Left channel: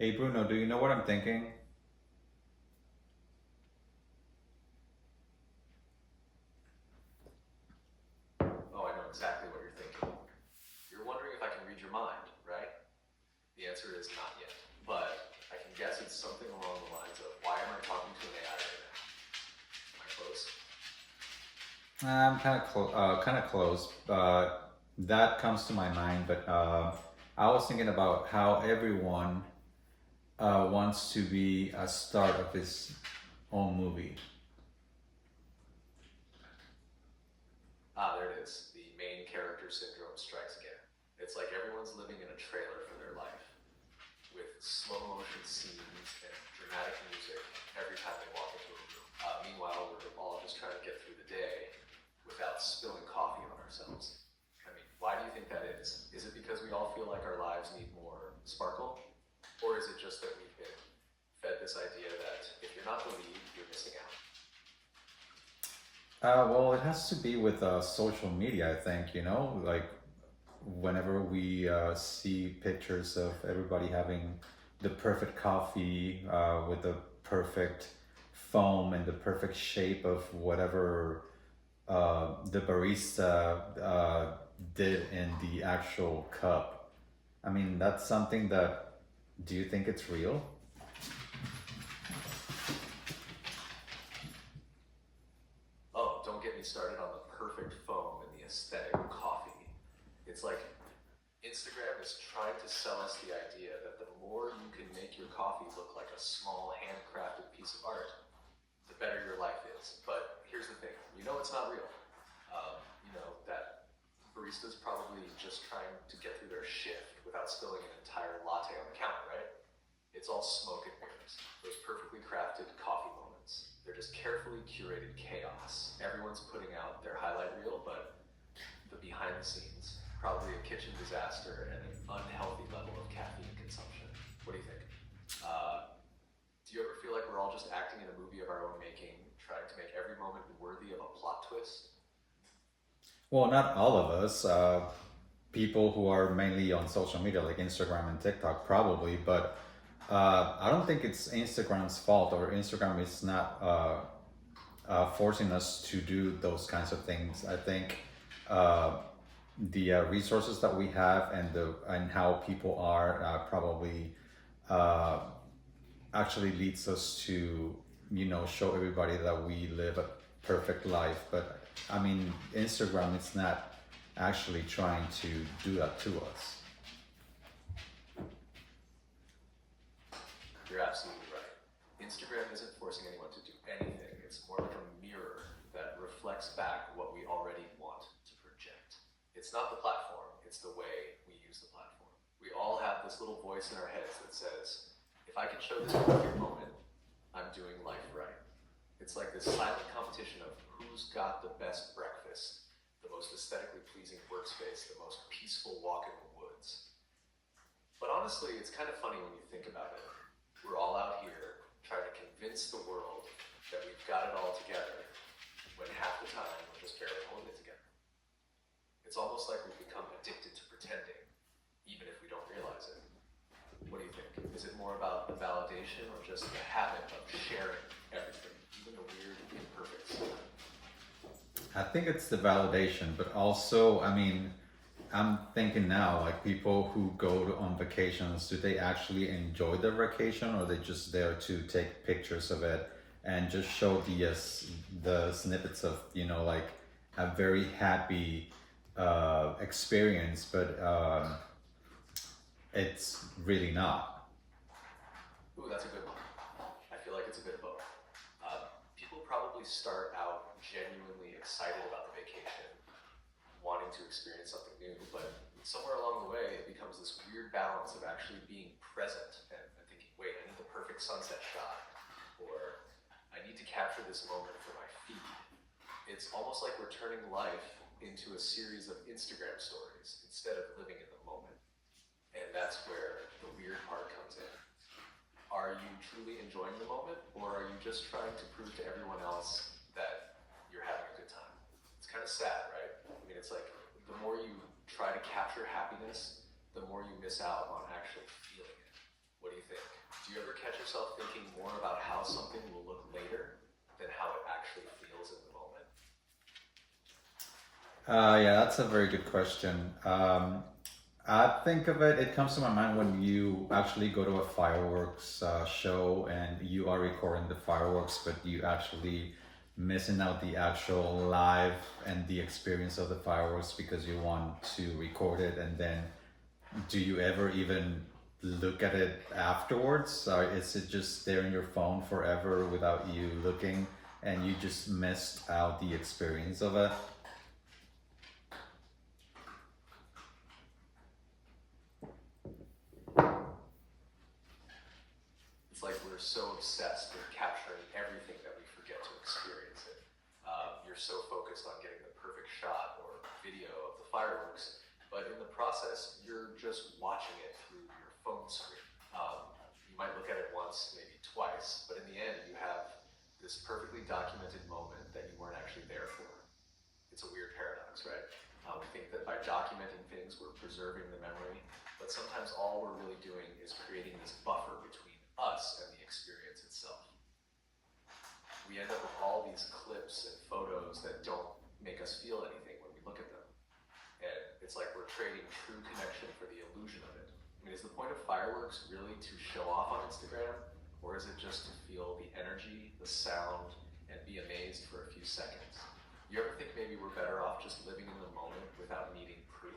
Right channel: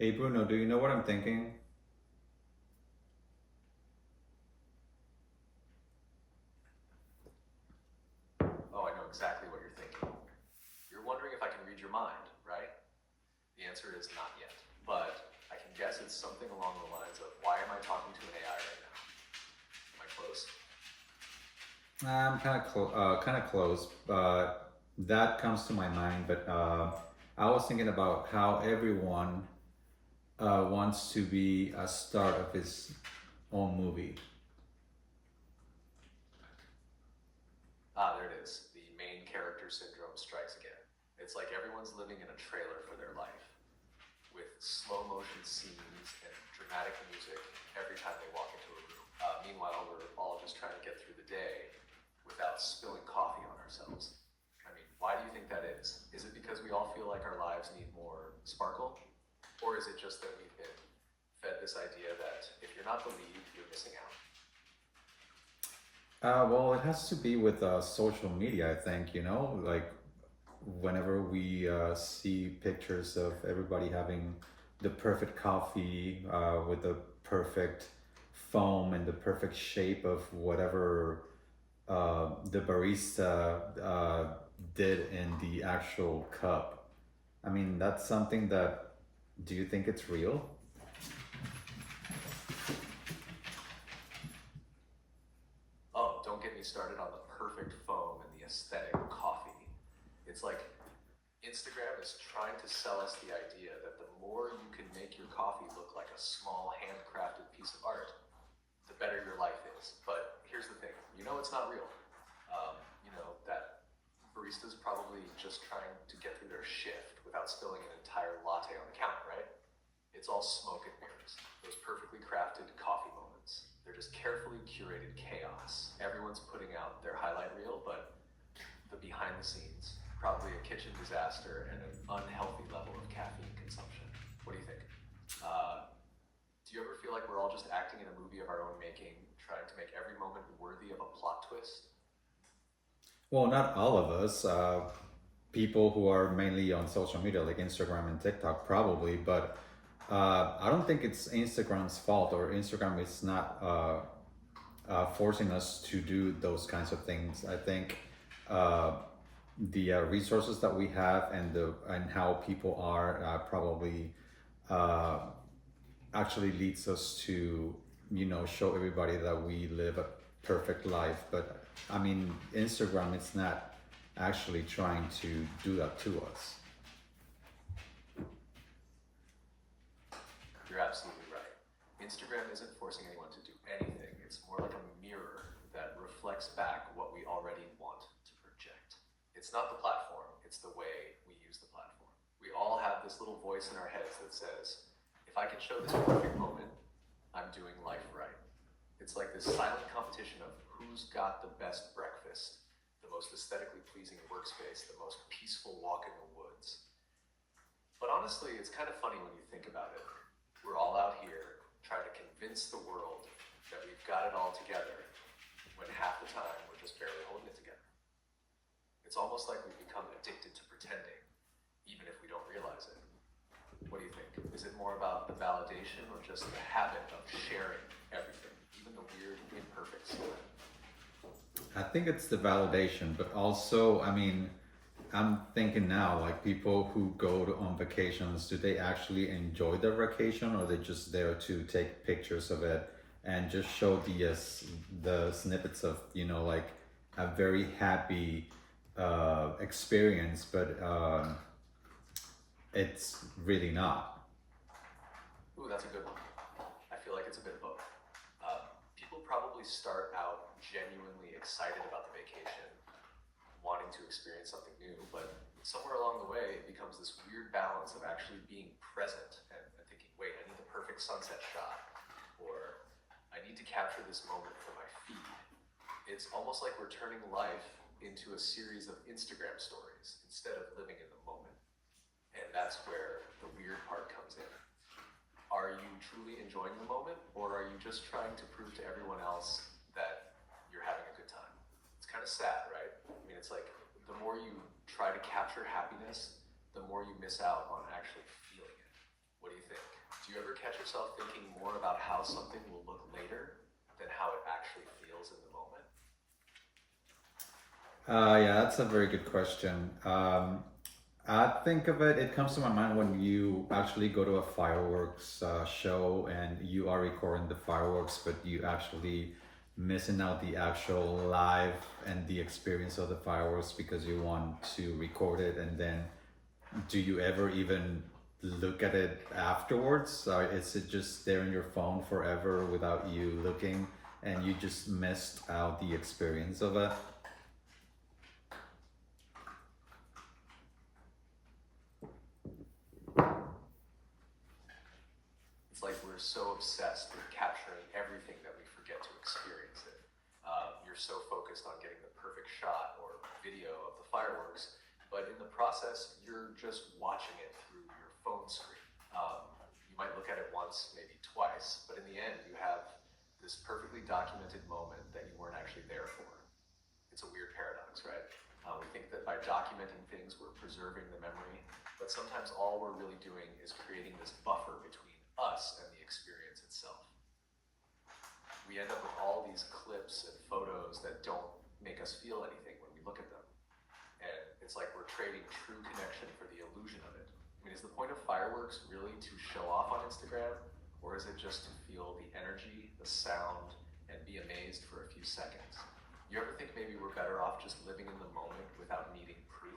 Hey Bruno, do you know what I'm thinking? Oh, I know exactly what you're thinking. You're wondering if I can read your mind, right? The answer is not yet. But I can guess it's something along the lines of why am I talking to an AI right now? Am I close? I'm kind of close, but that comes to my mind. But I was thinking about how everyone wants to be a star of his own movie. Ah, there it is. The main character syndrome strikes again. It's like everyone's living in a trailer for their life, with slow motion scenes and dramatic music every time they walk into a room. Meanwhile, we're all just trying to get through the day without spilling coffee on ourselves. I mean, why do you think that is? Is it because we all feel like our lives need more sparkle? Or is it just that we've been fed this idea that if you're not the lead, you're missing out? Well, it has to be with social media, I think, like whenever we see pictures of everybody having the perfect coffee with the perfect foam and the perfect shape of whatever the barista did in the actual cup. I mean, that's something that, do you think it's real? Oh, don't get me started on the perfect foam and the aesthetic coffee. It's like Instagram is trying to sell us the idea that the more you can make your coffee look like a small handcrafted piece of art, the better your life is. But here's the thing, it's not real. That barista's probably just trying to get through their shift without spilling an entire latte on the counter, right? It's all smoke and mirrors. Those perfectly crafted coffee moments. They're just carefully curated chaos. Everyone's putting out their highlight reel, but the behind the scenes, probably a kitchen disaster and an unhealthy level of caffeine consumption. What do you think? Do you ever feel like we're all just acting in a movie of our own making, trying to make every moment worthy of a plot twist? Well, not all of us. People who are mainly on social media, like Instagram and TikTok, probably, but I don't think it's Instagram's fault, or Instagram is not forcing us to do those kinds of things. I think uh, the resources that we have and how people are probably uh, actually leads us to show everybody that we live a perfect life. But I mean, Instagram, it's not actually trying to do that to us. You're absolutely right. Instagram isn't forcing anyone to do anything. It's more like a mirror that reflects back what we already want to project. It's not the platform, it's the way we use the platform. We all have this little voice in our heads that says, if I can show this perfect moment, I'm doing life right. It's like this silent competition of who's got the best breakfast, the most aesthetically pleasing workspace, the most peaceful walk in the woods. But honestly, it's kind of funny when you think about it. We're all out here trying to convince the world that we've got it all together when half the time we're just barely holding it together. It's almost like we've become addicted to pretending, even if we don't realize it. What do you think? Is it more about the validation or just the habit of sharing everything, even the weird, imperfect stuff? I think it's the validation, but also, I mean, I'm thinking now, like people who go on vacations, do they actually enjoy their vacation, or they just there to take pictures of it and just show the snippets of like a very happy experience, but it's really not. Ooh, that's a good one. I feel like it's a bit of both. People probably start out genuinely excited about the vacation, wanting to experience something new, but somewhere along the way, it becomes this weird balance of actually being present and thinking, wait, I need the perfect sunset shot, or I need to capture this moment for my feed. It's almost like we're turning life into a series of Instagram stories instead of living in the moment. And that's where the weird part comes in. Are you truly enjoying the moment, or are you just trying to prove to everyone else that you're having a good time? It's kind of sad, right? I mean, it's like the more you try to capture happiness, the more you miss out on actually feeling it. What do you think? Do you ever catch yourself thinking more about how something will look later than how it actually feels in the moment? Yeah, that's a very good question. I think of it, it comes to my mind when you actually go to a fireworks show and you are recording the fireworks, but you actually missing out the actual live and the experience of the fireworks because you want to record it. And then do you ever even look at it afterwards? Or is it just there in your phone forever without you looking and you just missed out the experience of it? It's like we're so obsessed with capturing everything that we forget to experience it. You're so focused on getting the perfect shot or video of the fireworks, but in the process, you're just watching it through your phone screen. You might look at it once, maybe twice, but in the end, you have this perfectly documented moment that you weren't actually there for. It's a weird paradox, right? We think that by documenting things, we're preserving the memory, but sometimes all we're really doing is creating this buffer between us and the experience itself. We end up with all these clips and photos that don't make us feel anything when we look at them. And it's like we're trading true connection for the illusion of it. I mean, is the point of fireworks really to show off on Instagram? Or is it just to feel the energy, the sound, and be amazed for a few seconds? You ever think maybe we're better off just living in the moment without needing proof?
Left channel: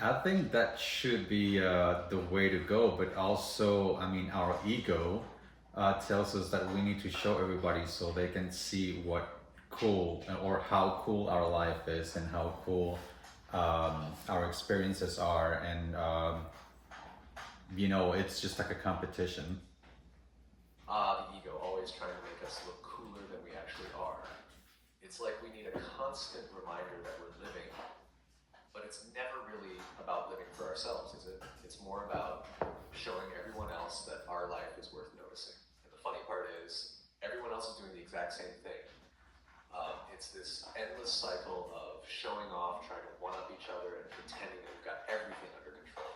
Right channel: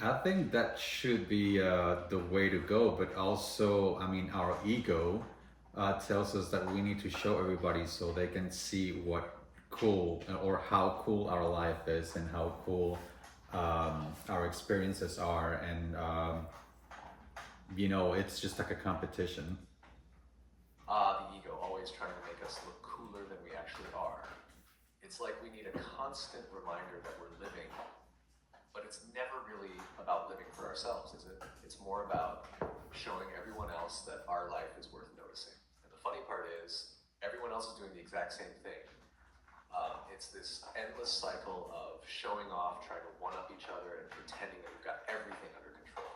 I think that should be the way to go, but also, I mean, our ego tells us that we need to show everybody so they can see what cool or how cool our life is and how cool our experiences are, and it's just like a competition. The ego, always trying to make us look cooler than we actually are. It's like we need a constant reminder that we're living, but it's never really about living for ourselves, is it? It's more about showing everyone else that our life is worth noticing. And the funny part is, everyone else is doing the exact same thing. It's this endless cycle of showing off, trying to one-up each other, and pretending that we've got everything under control.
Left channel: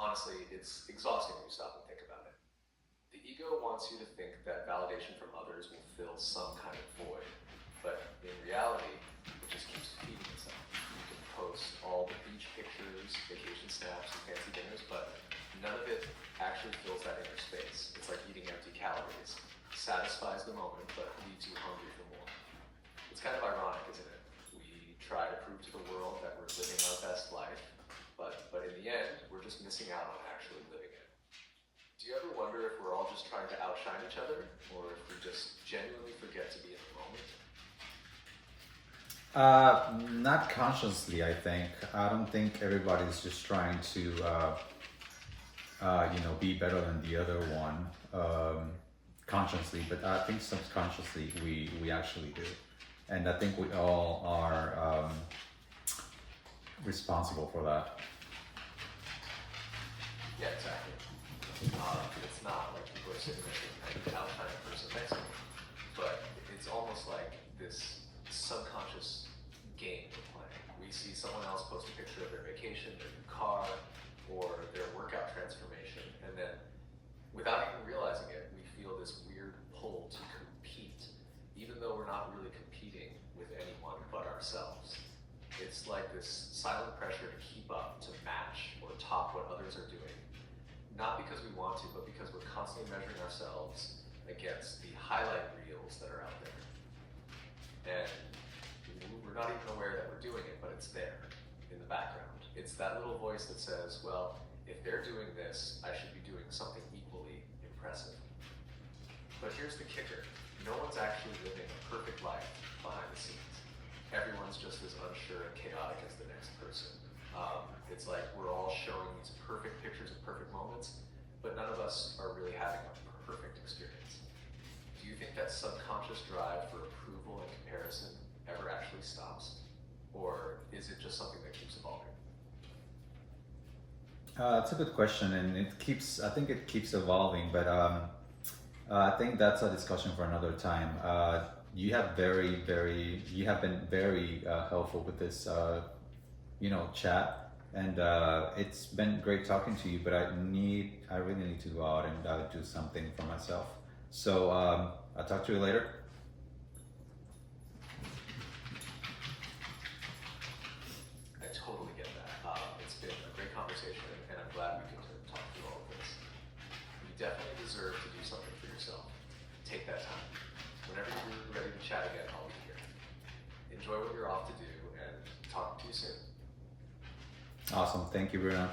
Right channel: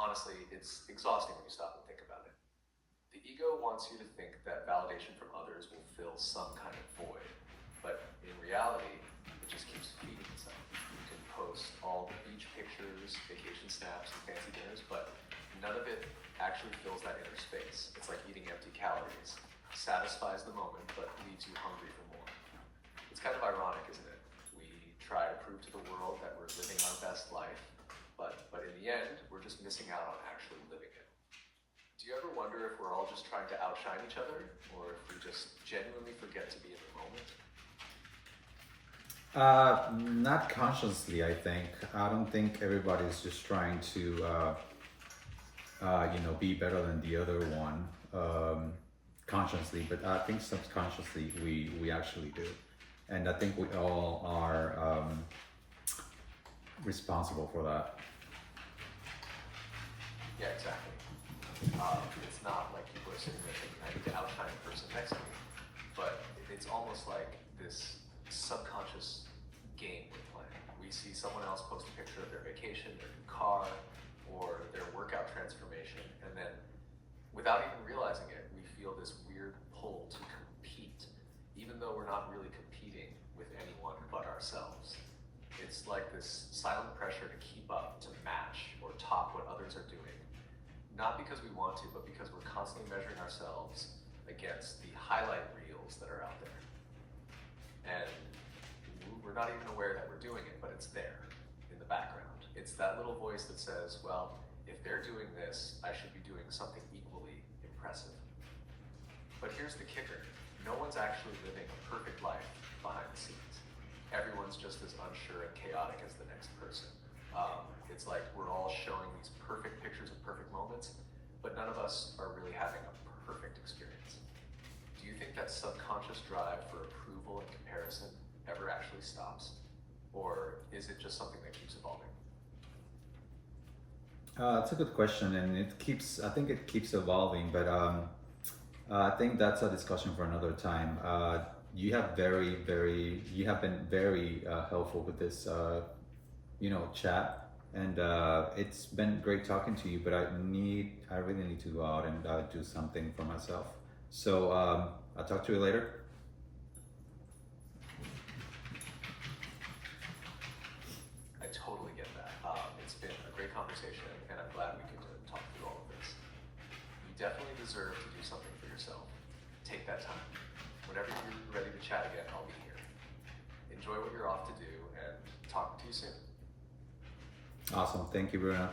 Honestly, it's exhausting when you stop and think about it. The ego wants you to think that validation from others will fill some kind of void, but in reality, it just keeps feeding itself. You can post all the beach pictures, vacation snaps, and fancy dinners, but none of it actually fills that inner space. It's like eating empty calories. Satisfies the moment, but leaves you hungry for more. It's kind of ironic, isn't it? We try to prove to the world that we're living our best life, but in the end, we're just missing out on actually living it. Do you ever wonder if we're all just trying to outshine each other, or if we just genuinely forget to be in the moment? Not consciously, I think. I don't think everybody's just trying to, be better than the other one consciously, but I think subconsciously we actually do. And I think we all are responsible for that. Yeah, exactly. It's not like people are sitting there thinking, I need to outshine the person next to me, but it's almost like this subconscious game we're playing. We see someone else post a picture of their vacation, their new car, or their workout transformation, and then without even realizing it, we feel this weird pull to compete, even though we're not really competing with anyone but ourselves. It's like this silent pressure to keep up, to match, or top what others are doing. Not because we want to, but because we're constantly measuring ourselves against the highlight reels that are out there. And we're not even aware that we're doing it, but it's there in the background. It's that little voice that says, well, if they're doing this, I should be doing something equally impressive. But here's the kicker. No one's actually living a perfect life behind the scenes. Everyone's just as unsure and chaotic as the next person. It's like we're all showing these perfect pictures of perfect moments, but none of us are really having a perfect experience. Do you think that subconscious drive for approval and comparison ever actually stops? Or is it just something that keeps evolving? It's a good question, and I think it keeps evolving, but I think that's a discussion for another time. You have you have been very helpful with this, chat, And it's been great talking to you, but I really need to go out and do something for myself. So I'll talk to you later. I totally get that. It's been a great conversation, and I'm glad we could talk through all of this. You definitely deserve to do something for yourself. Take that time. Whenever you're ready to chat again, I'll be here. Enjoy what you're off to do, and talk to you soon. Awesome. Thank you, Bruno.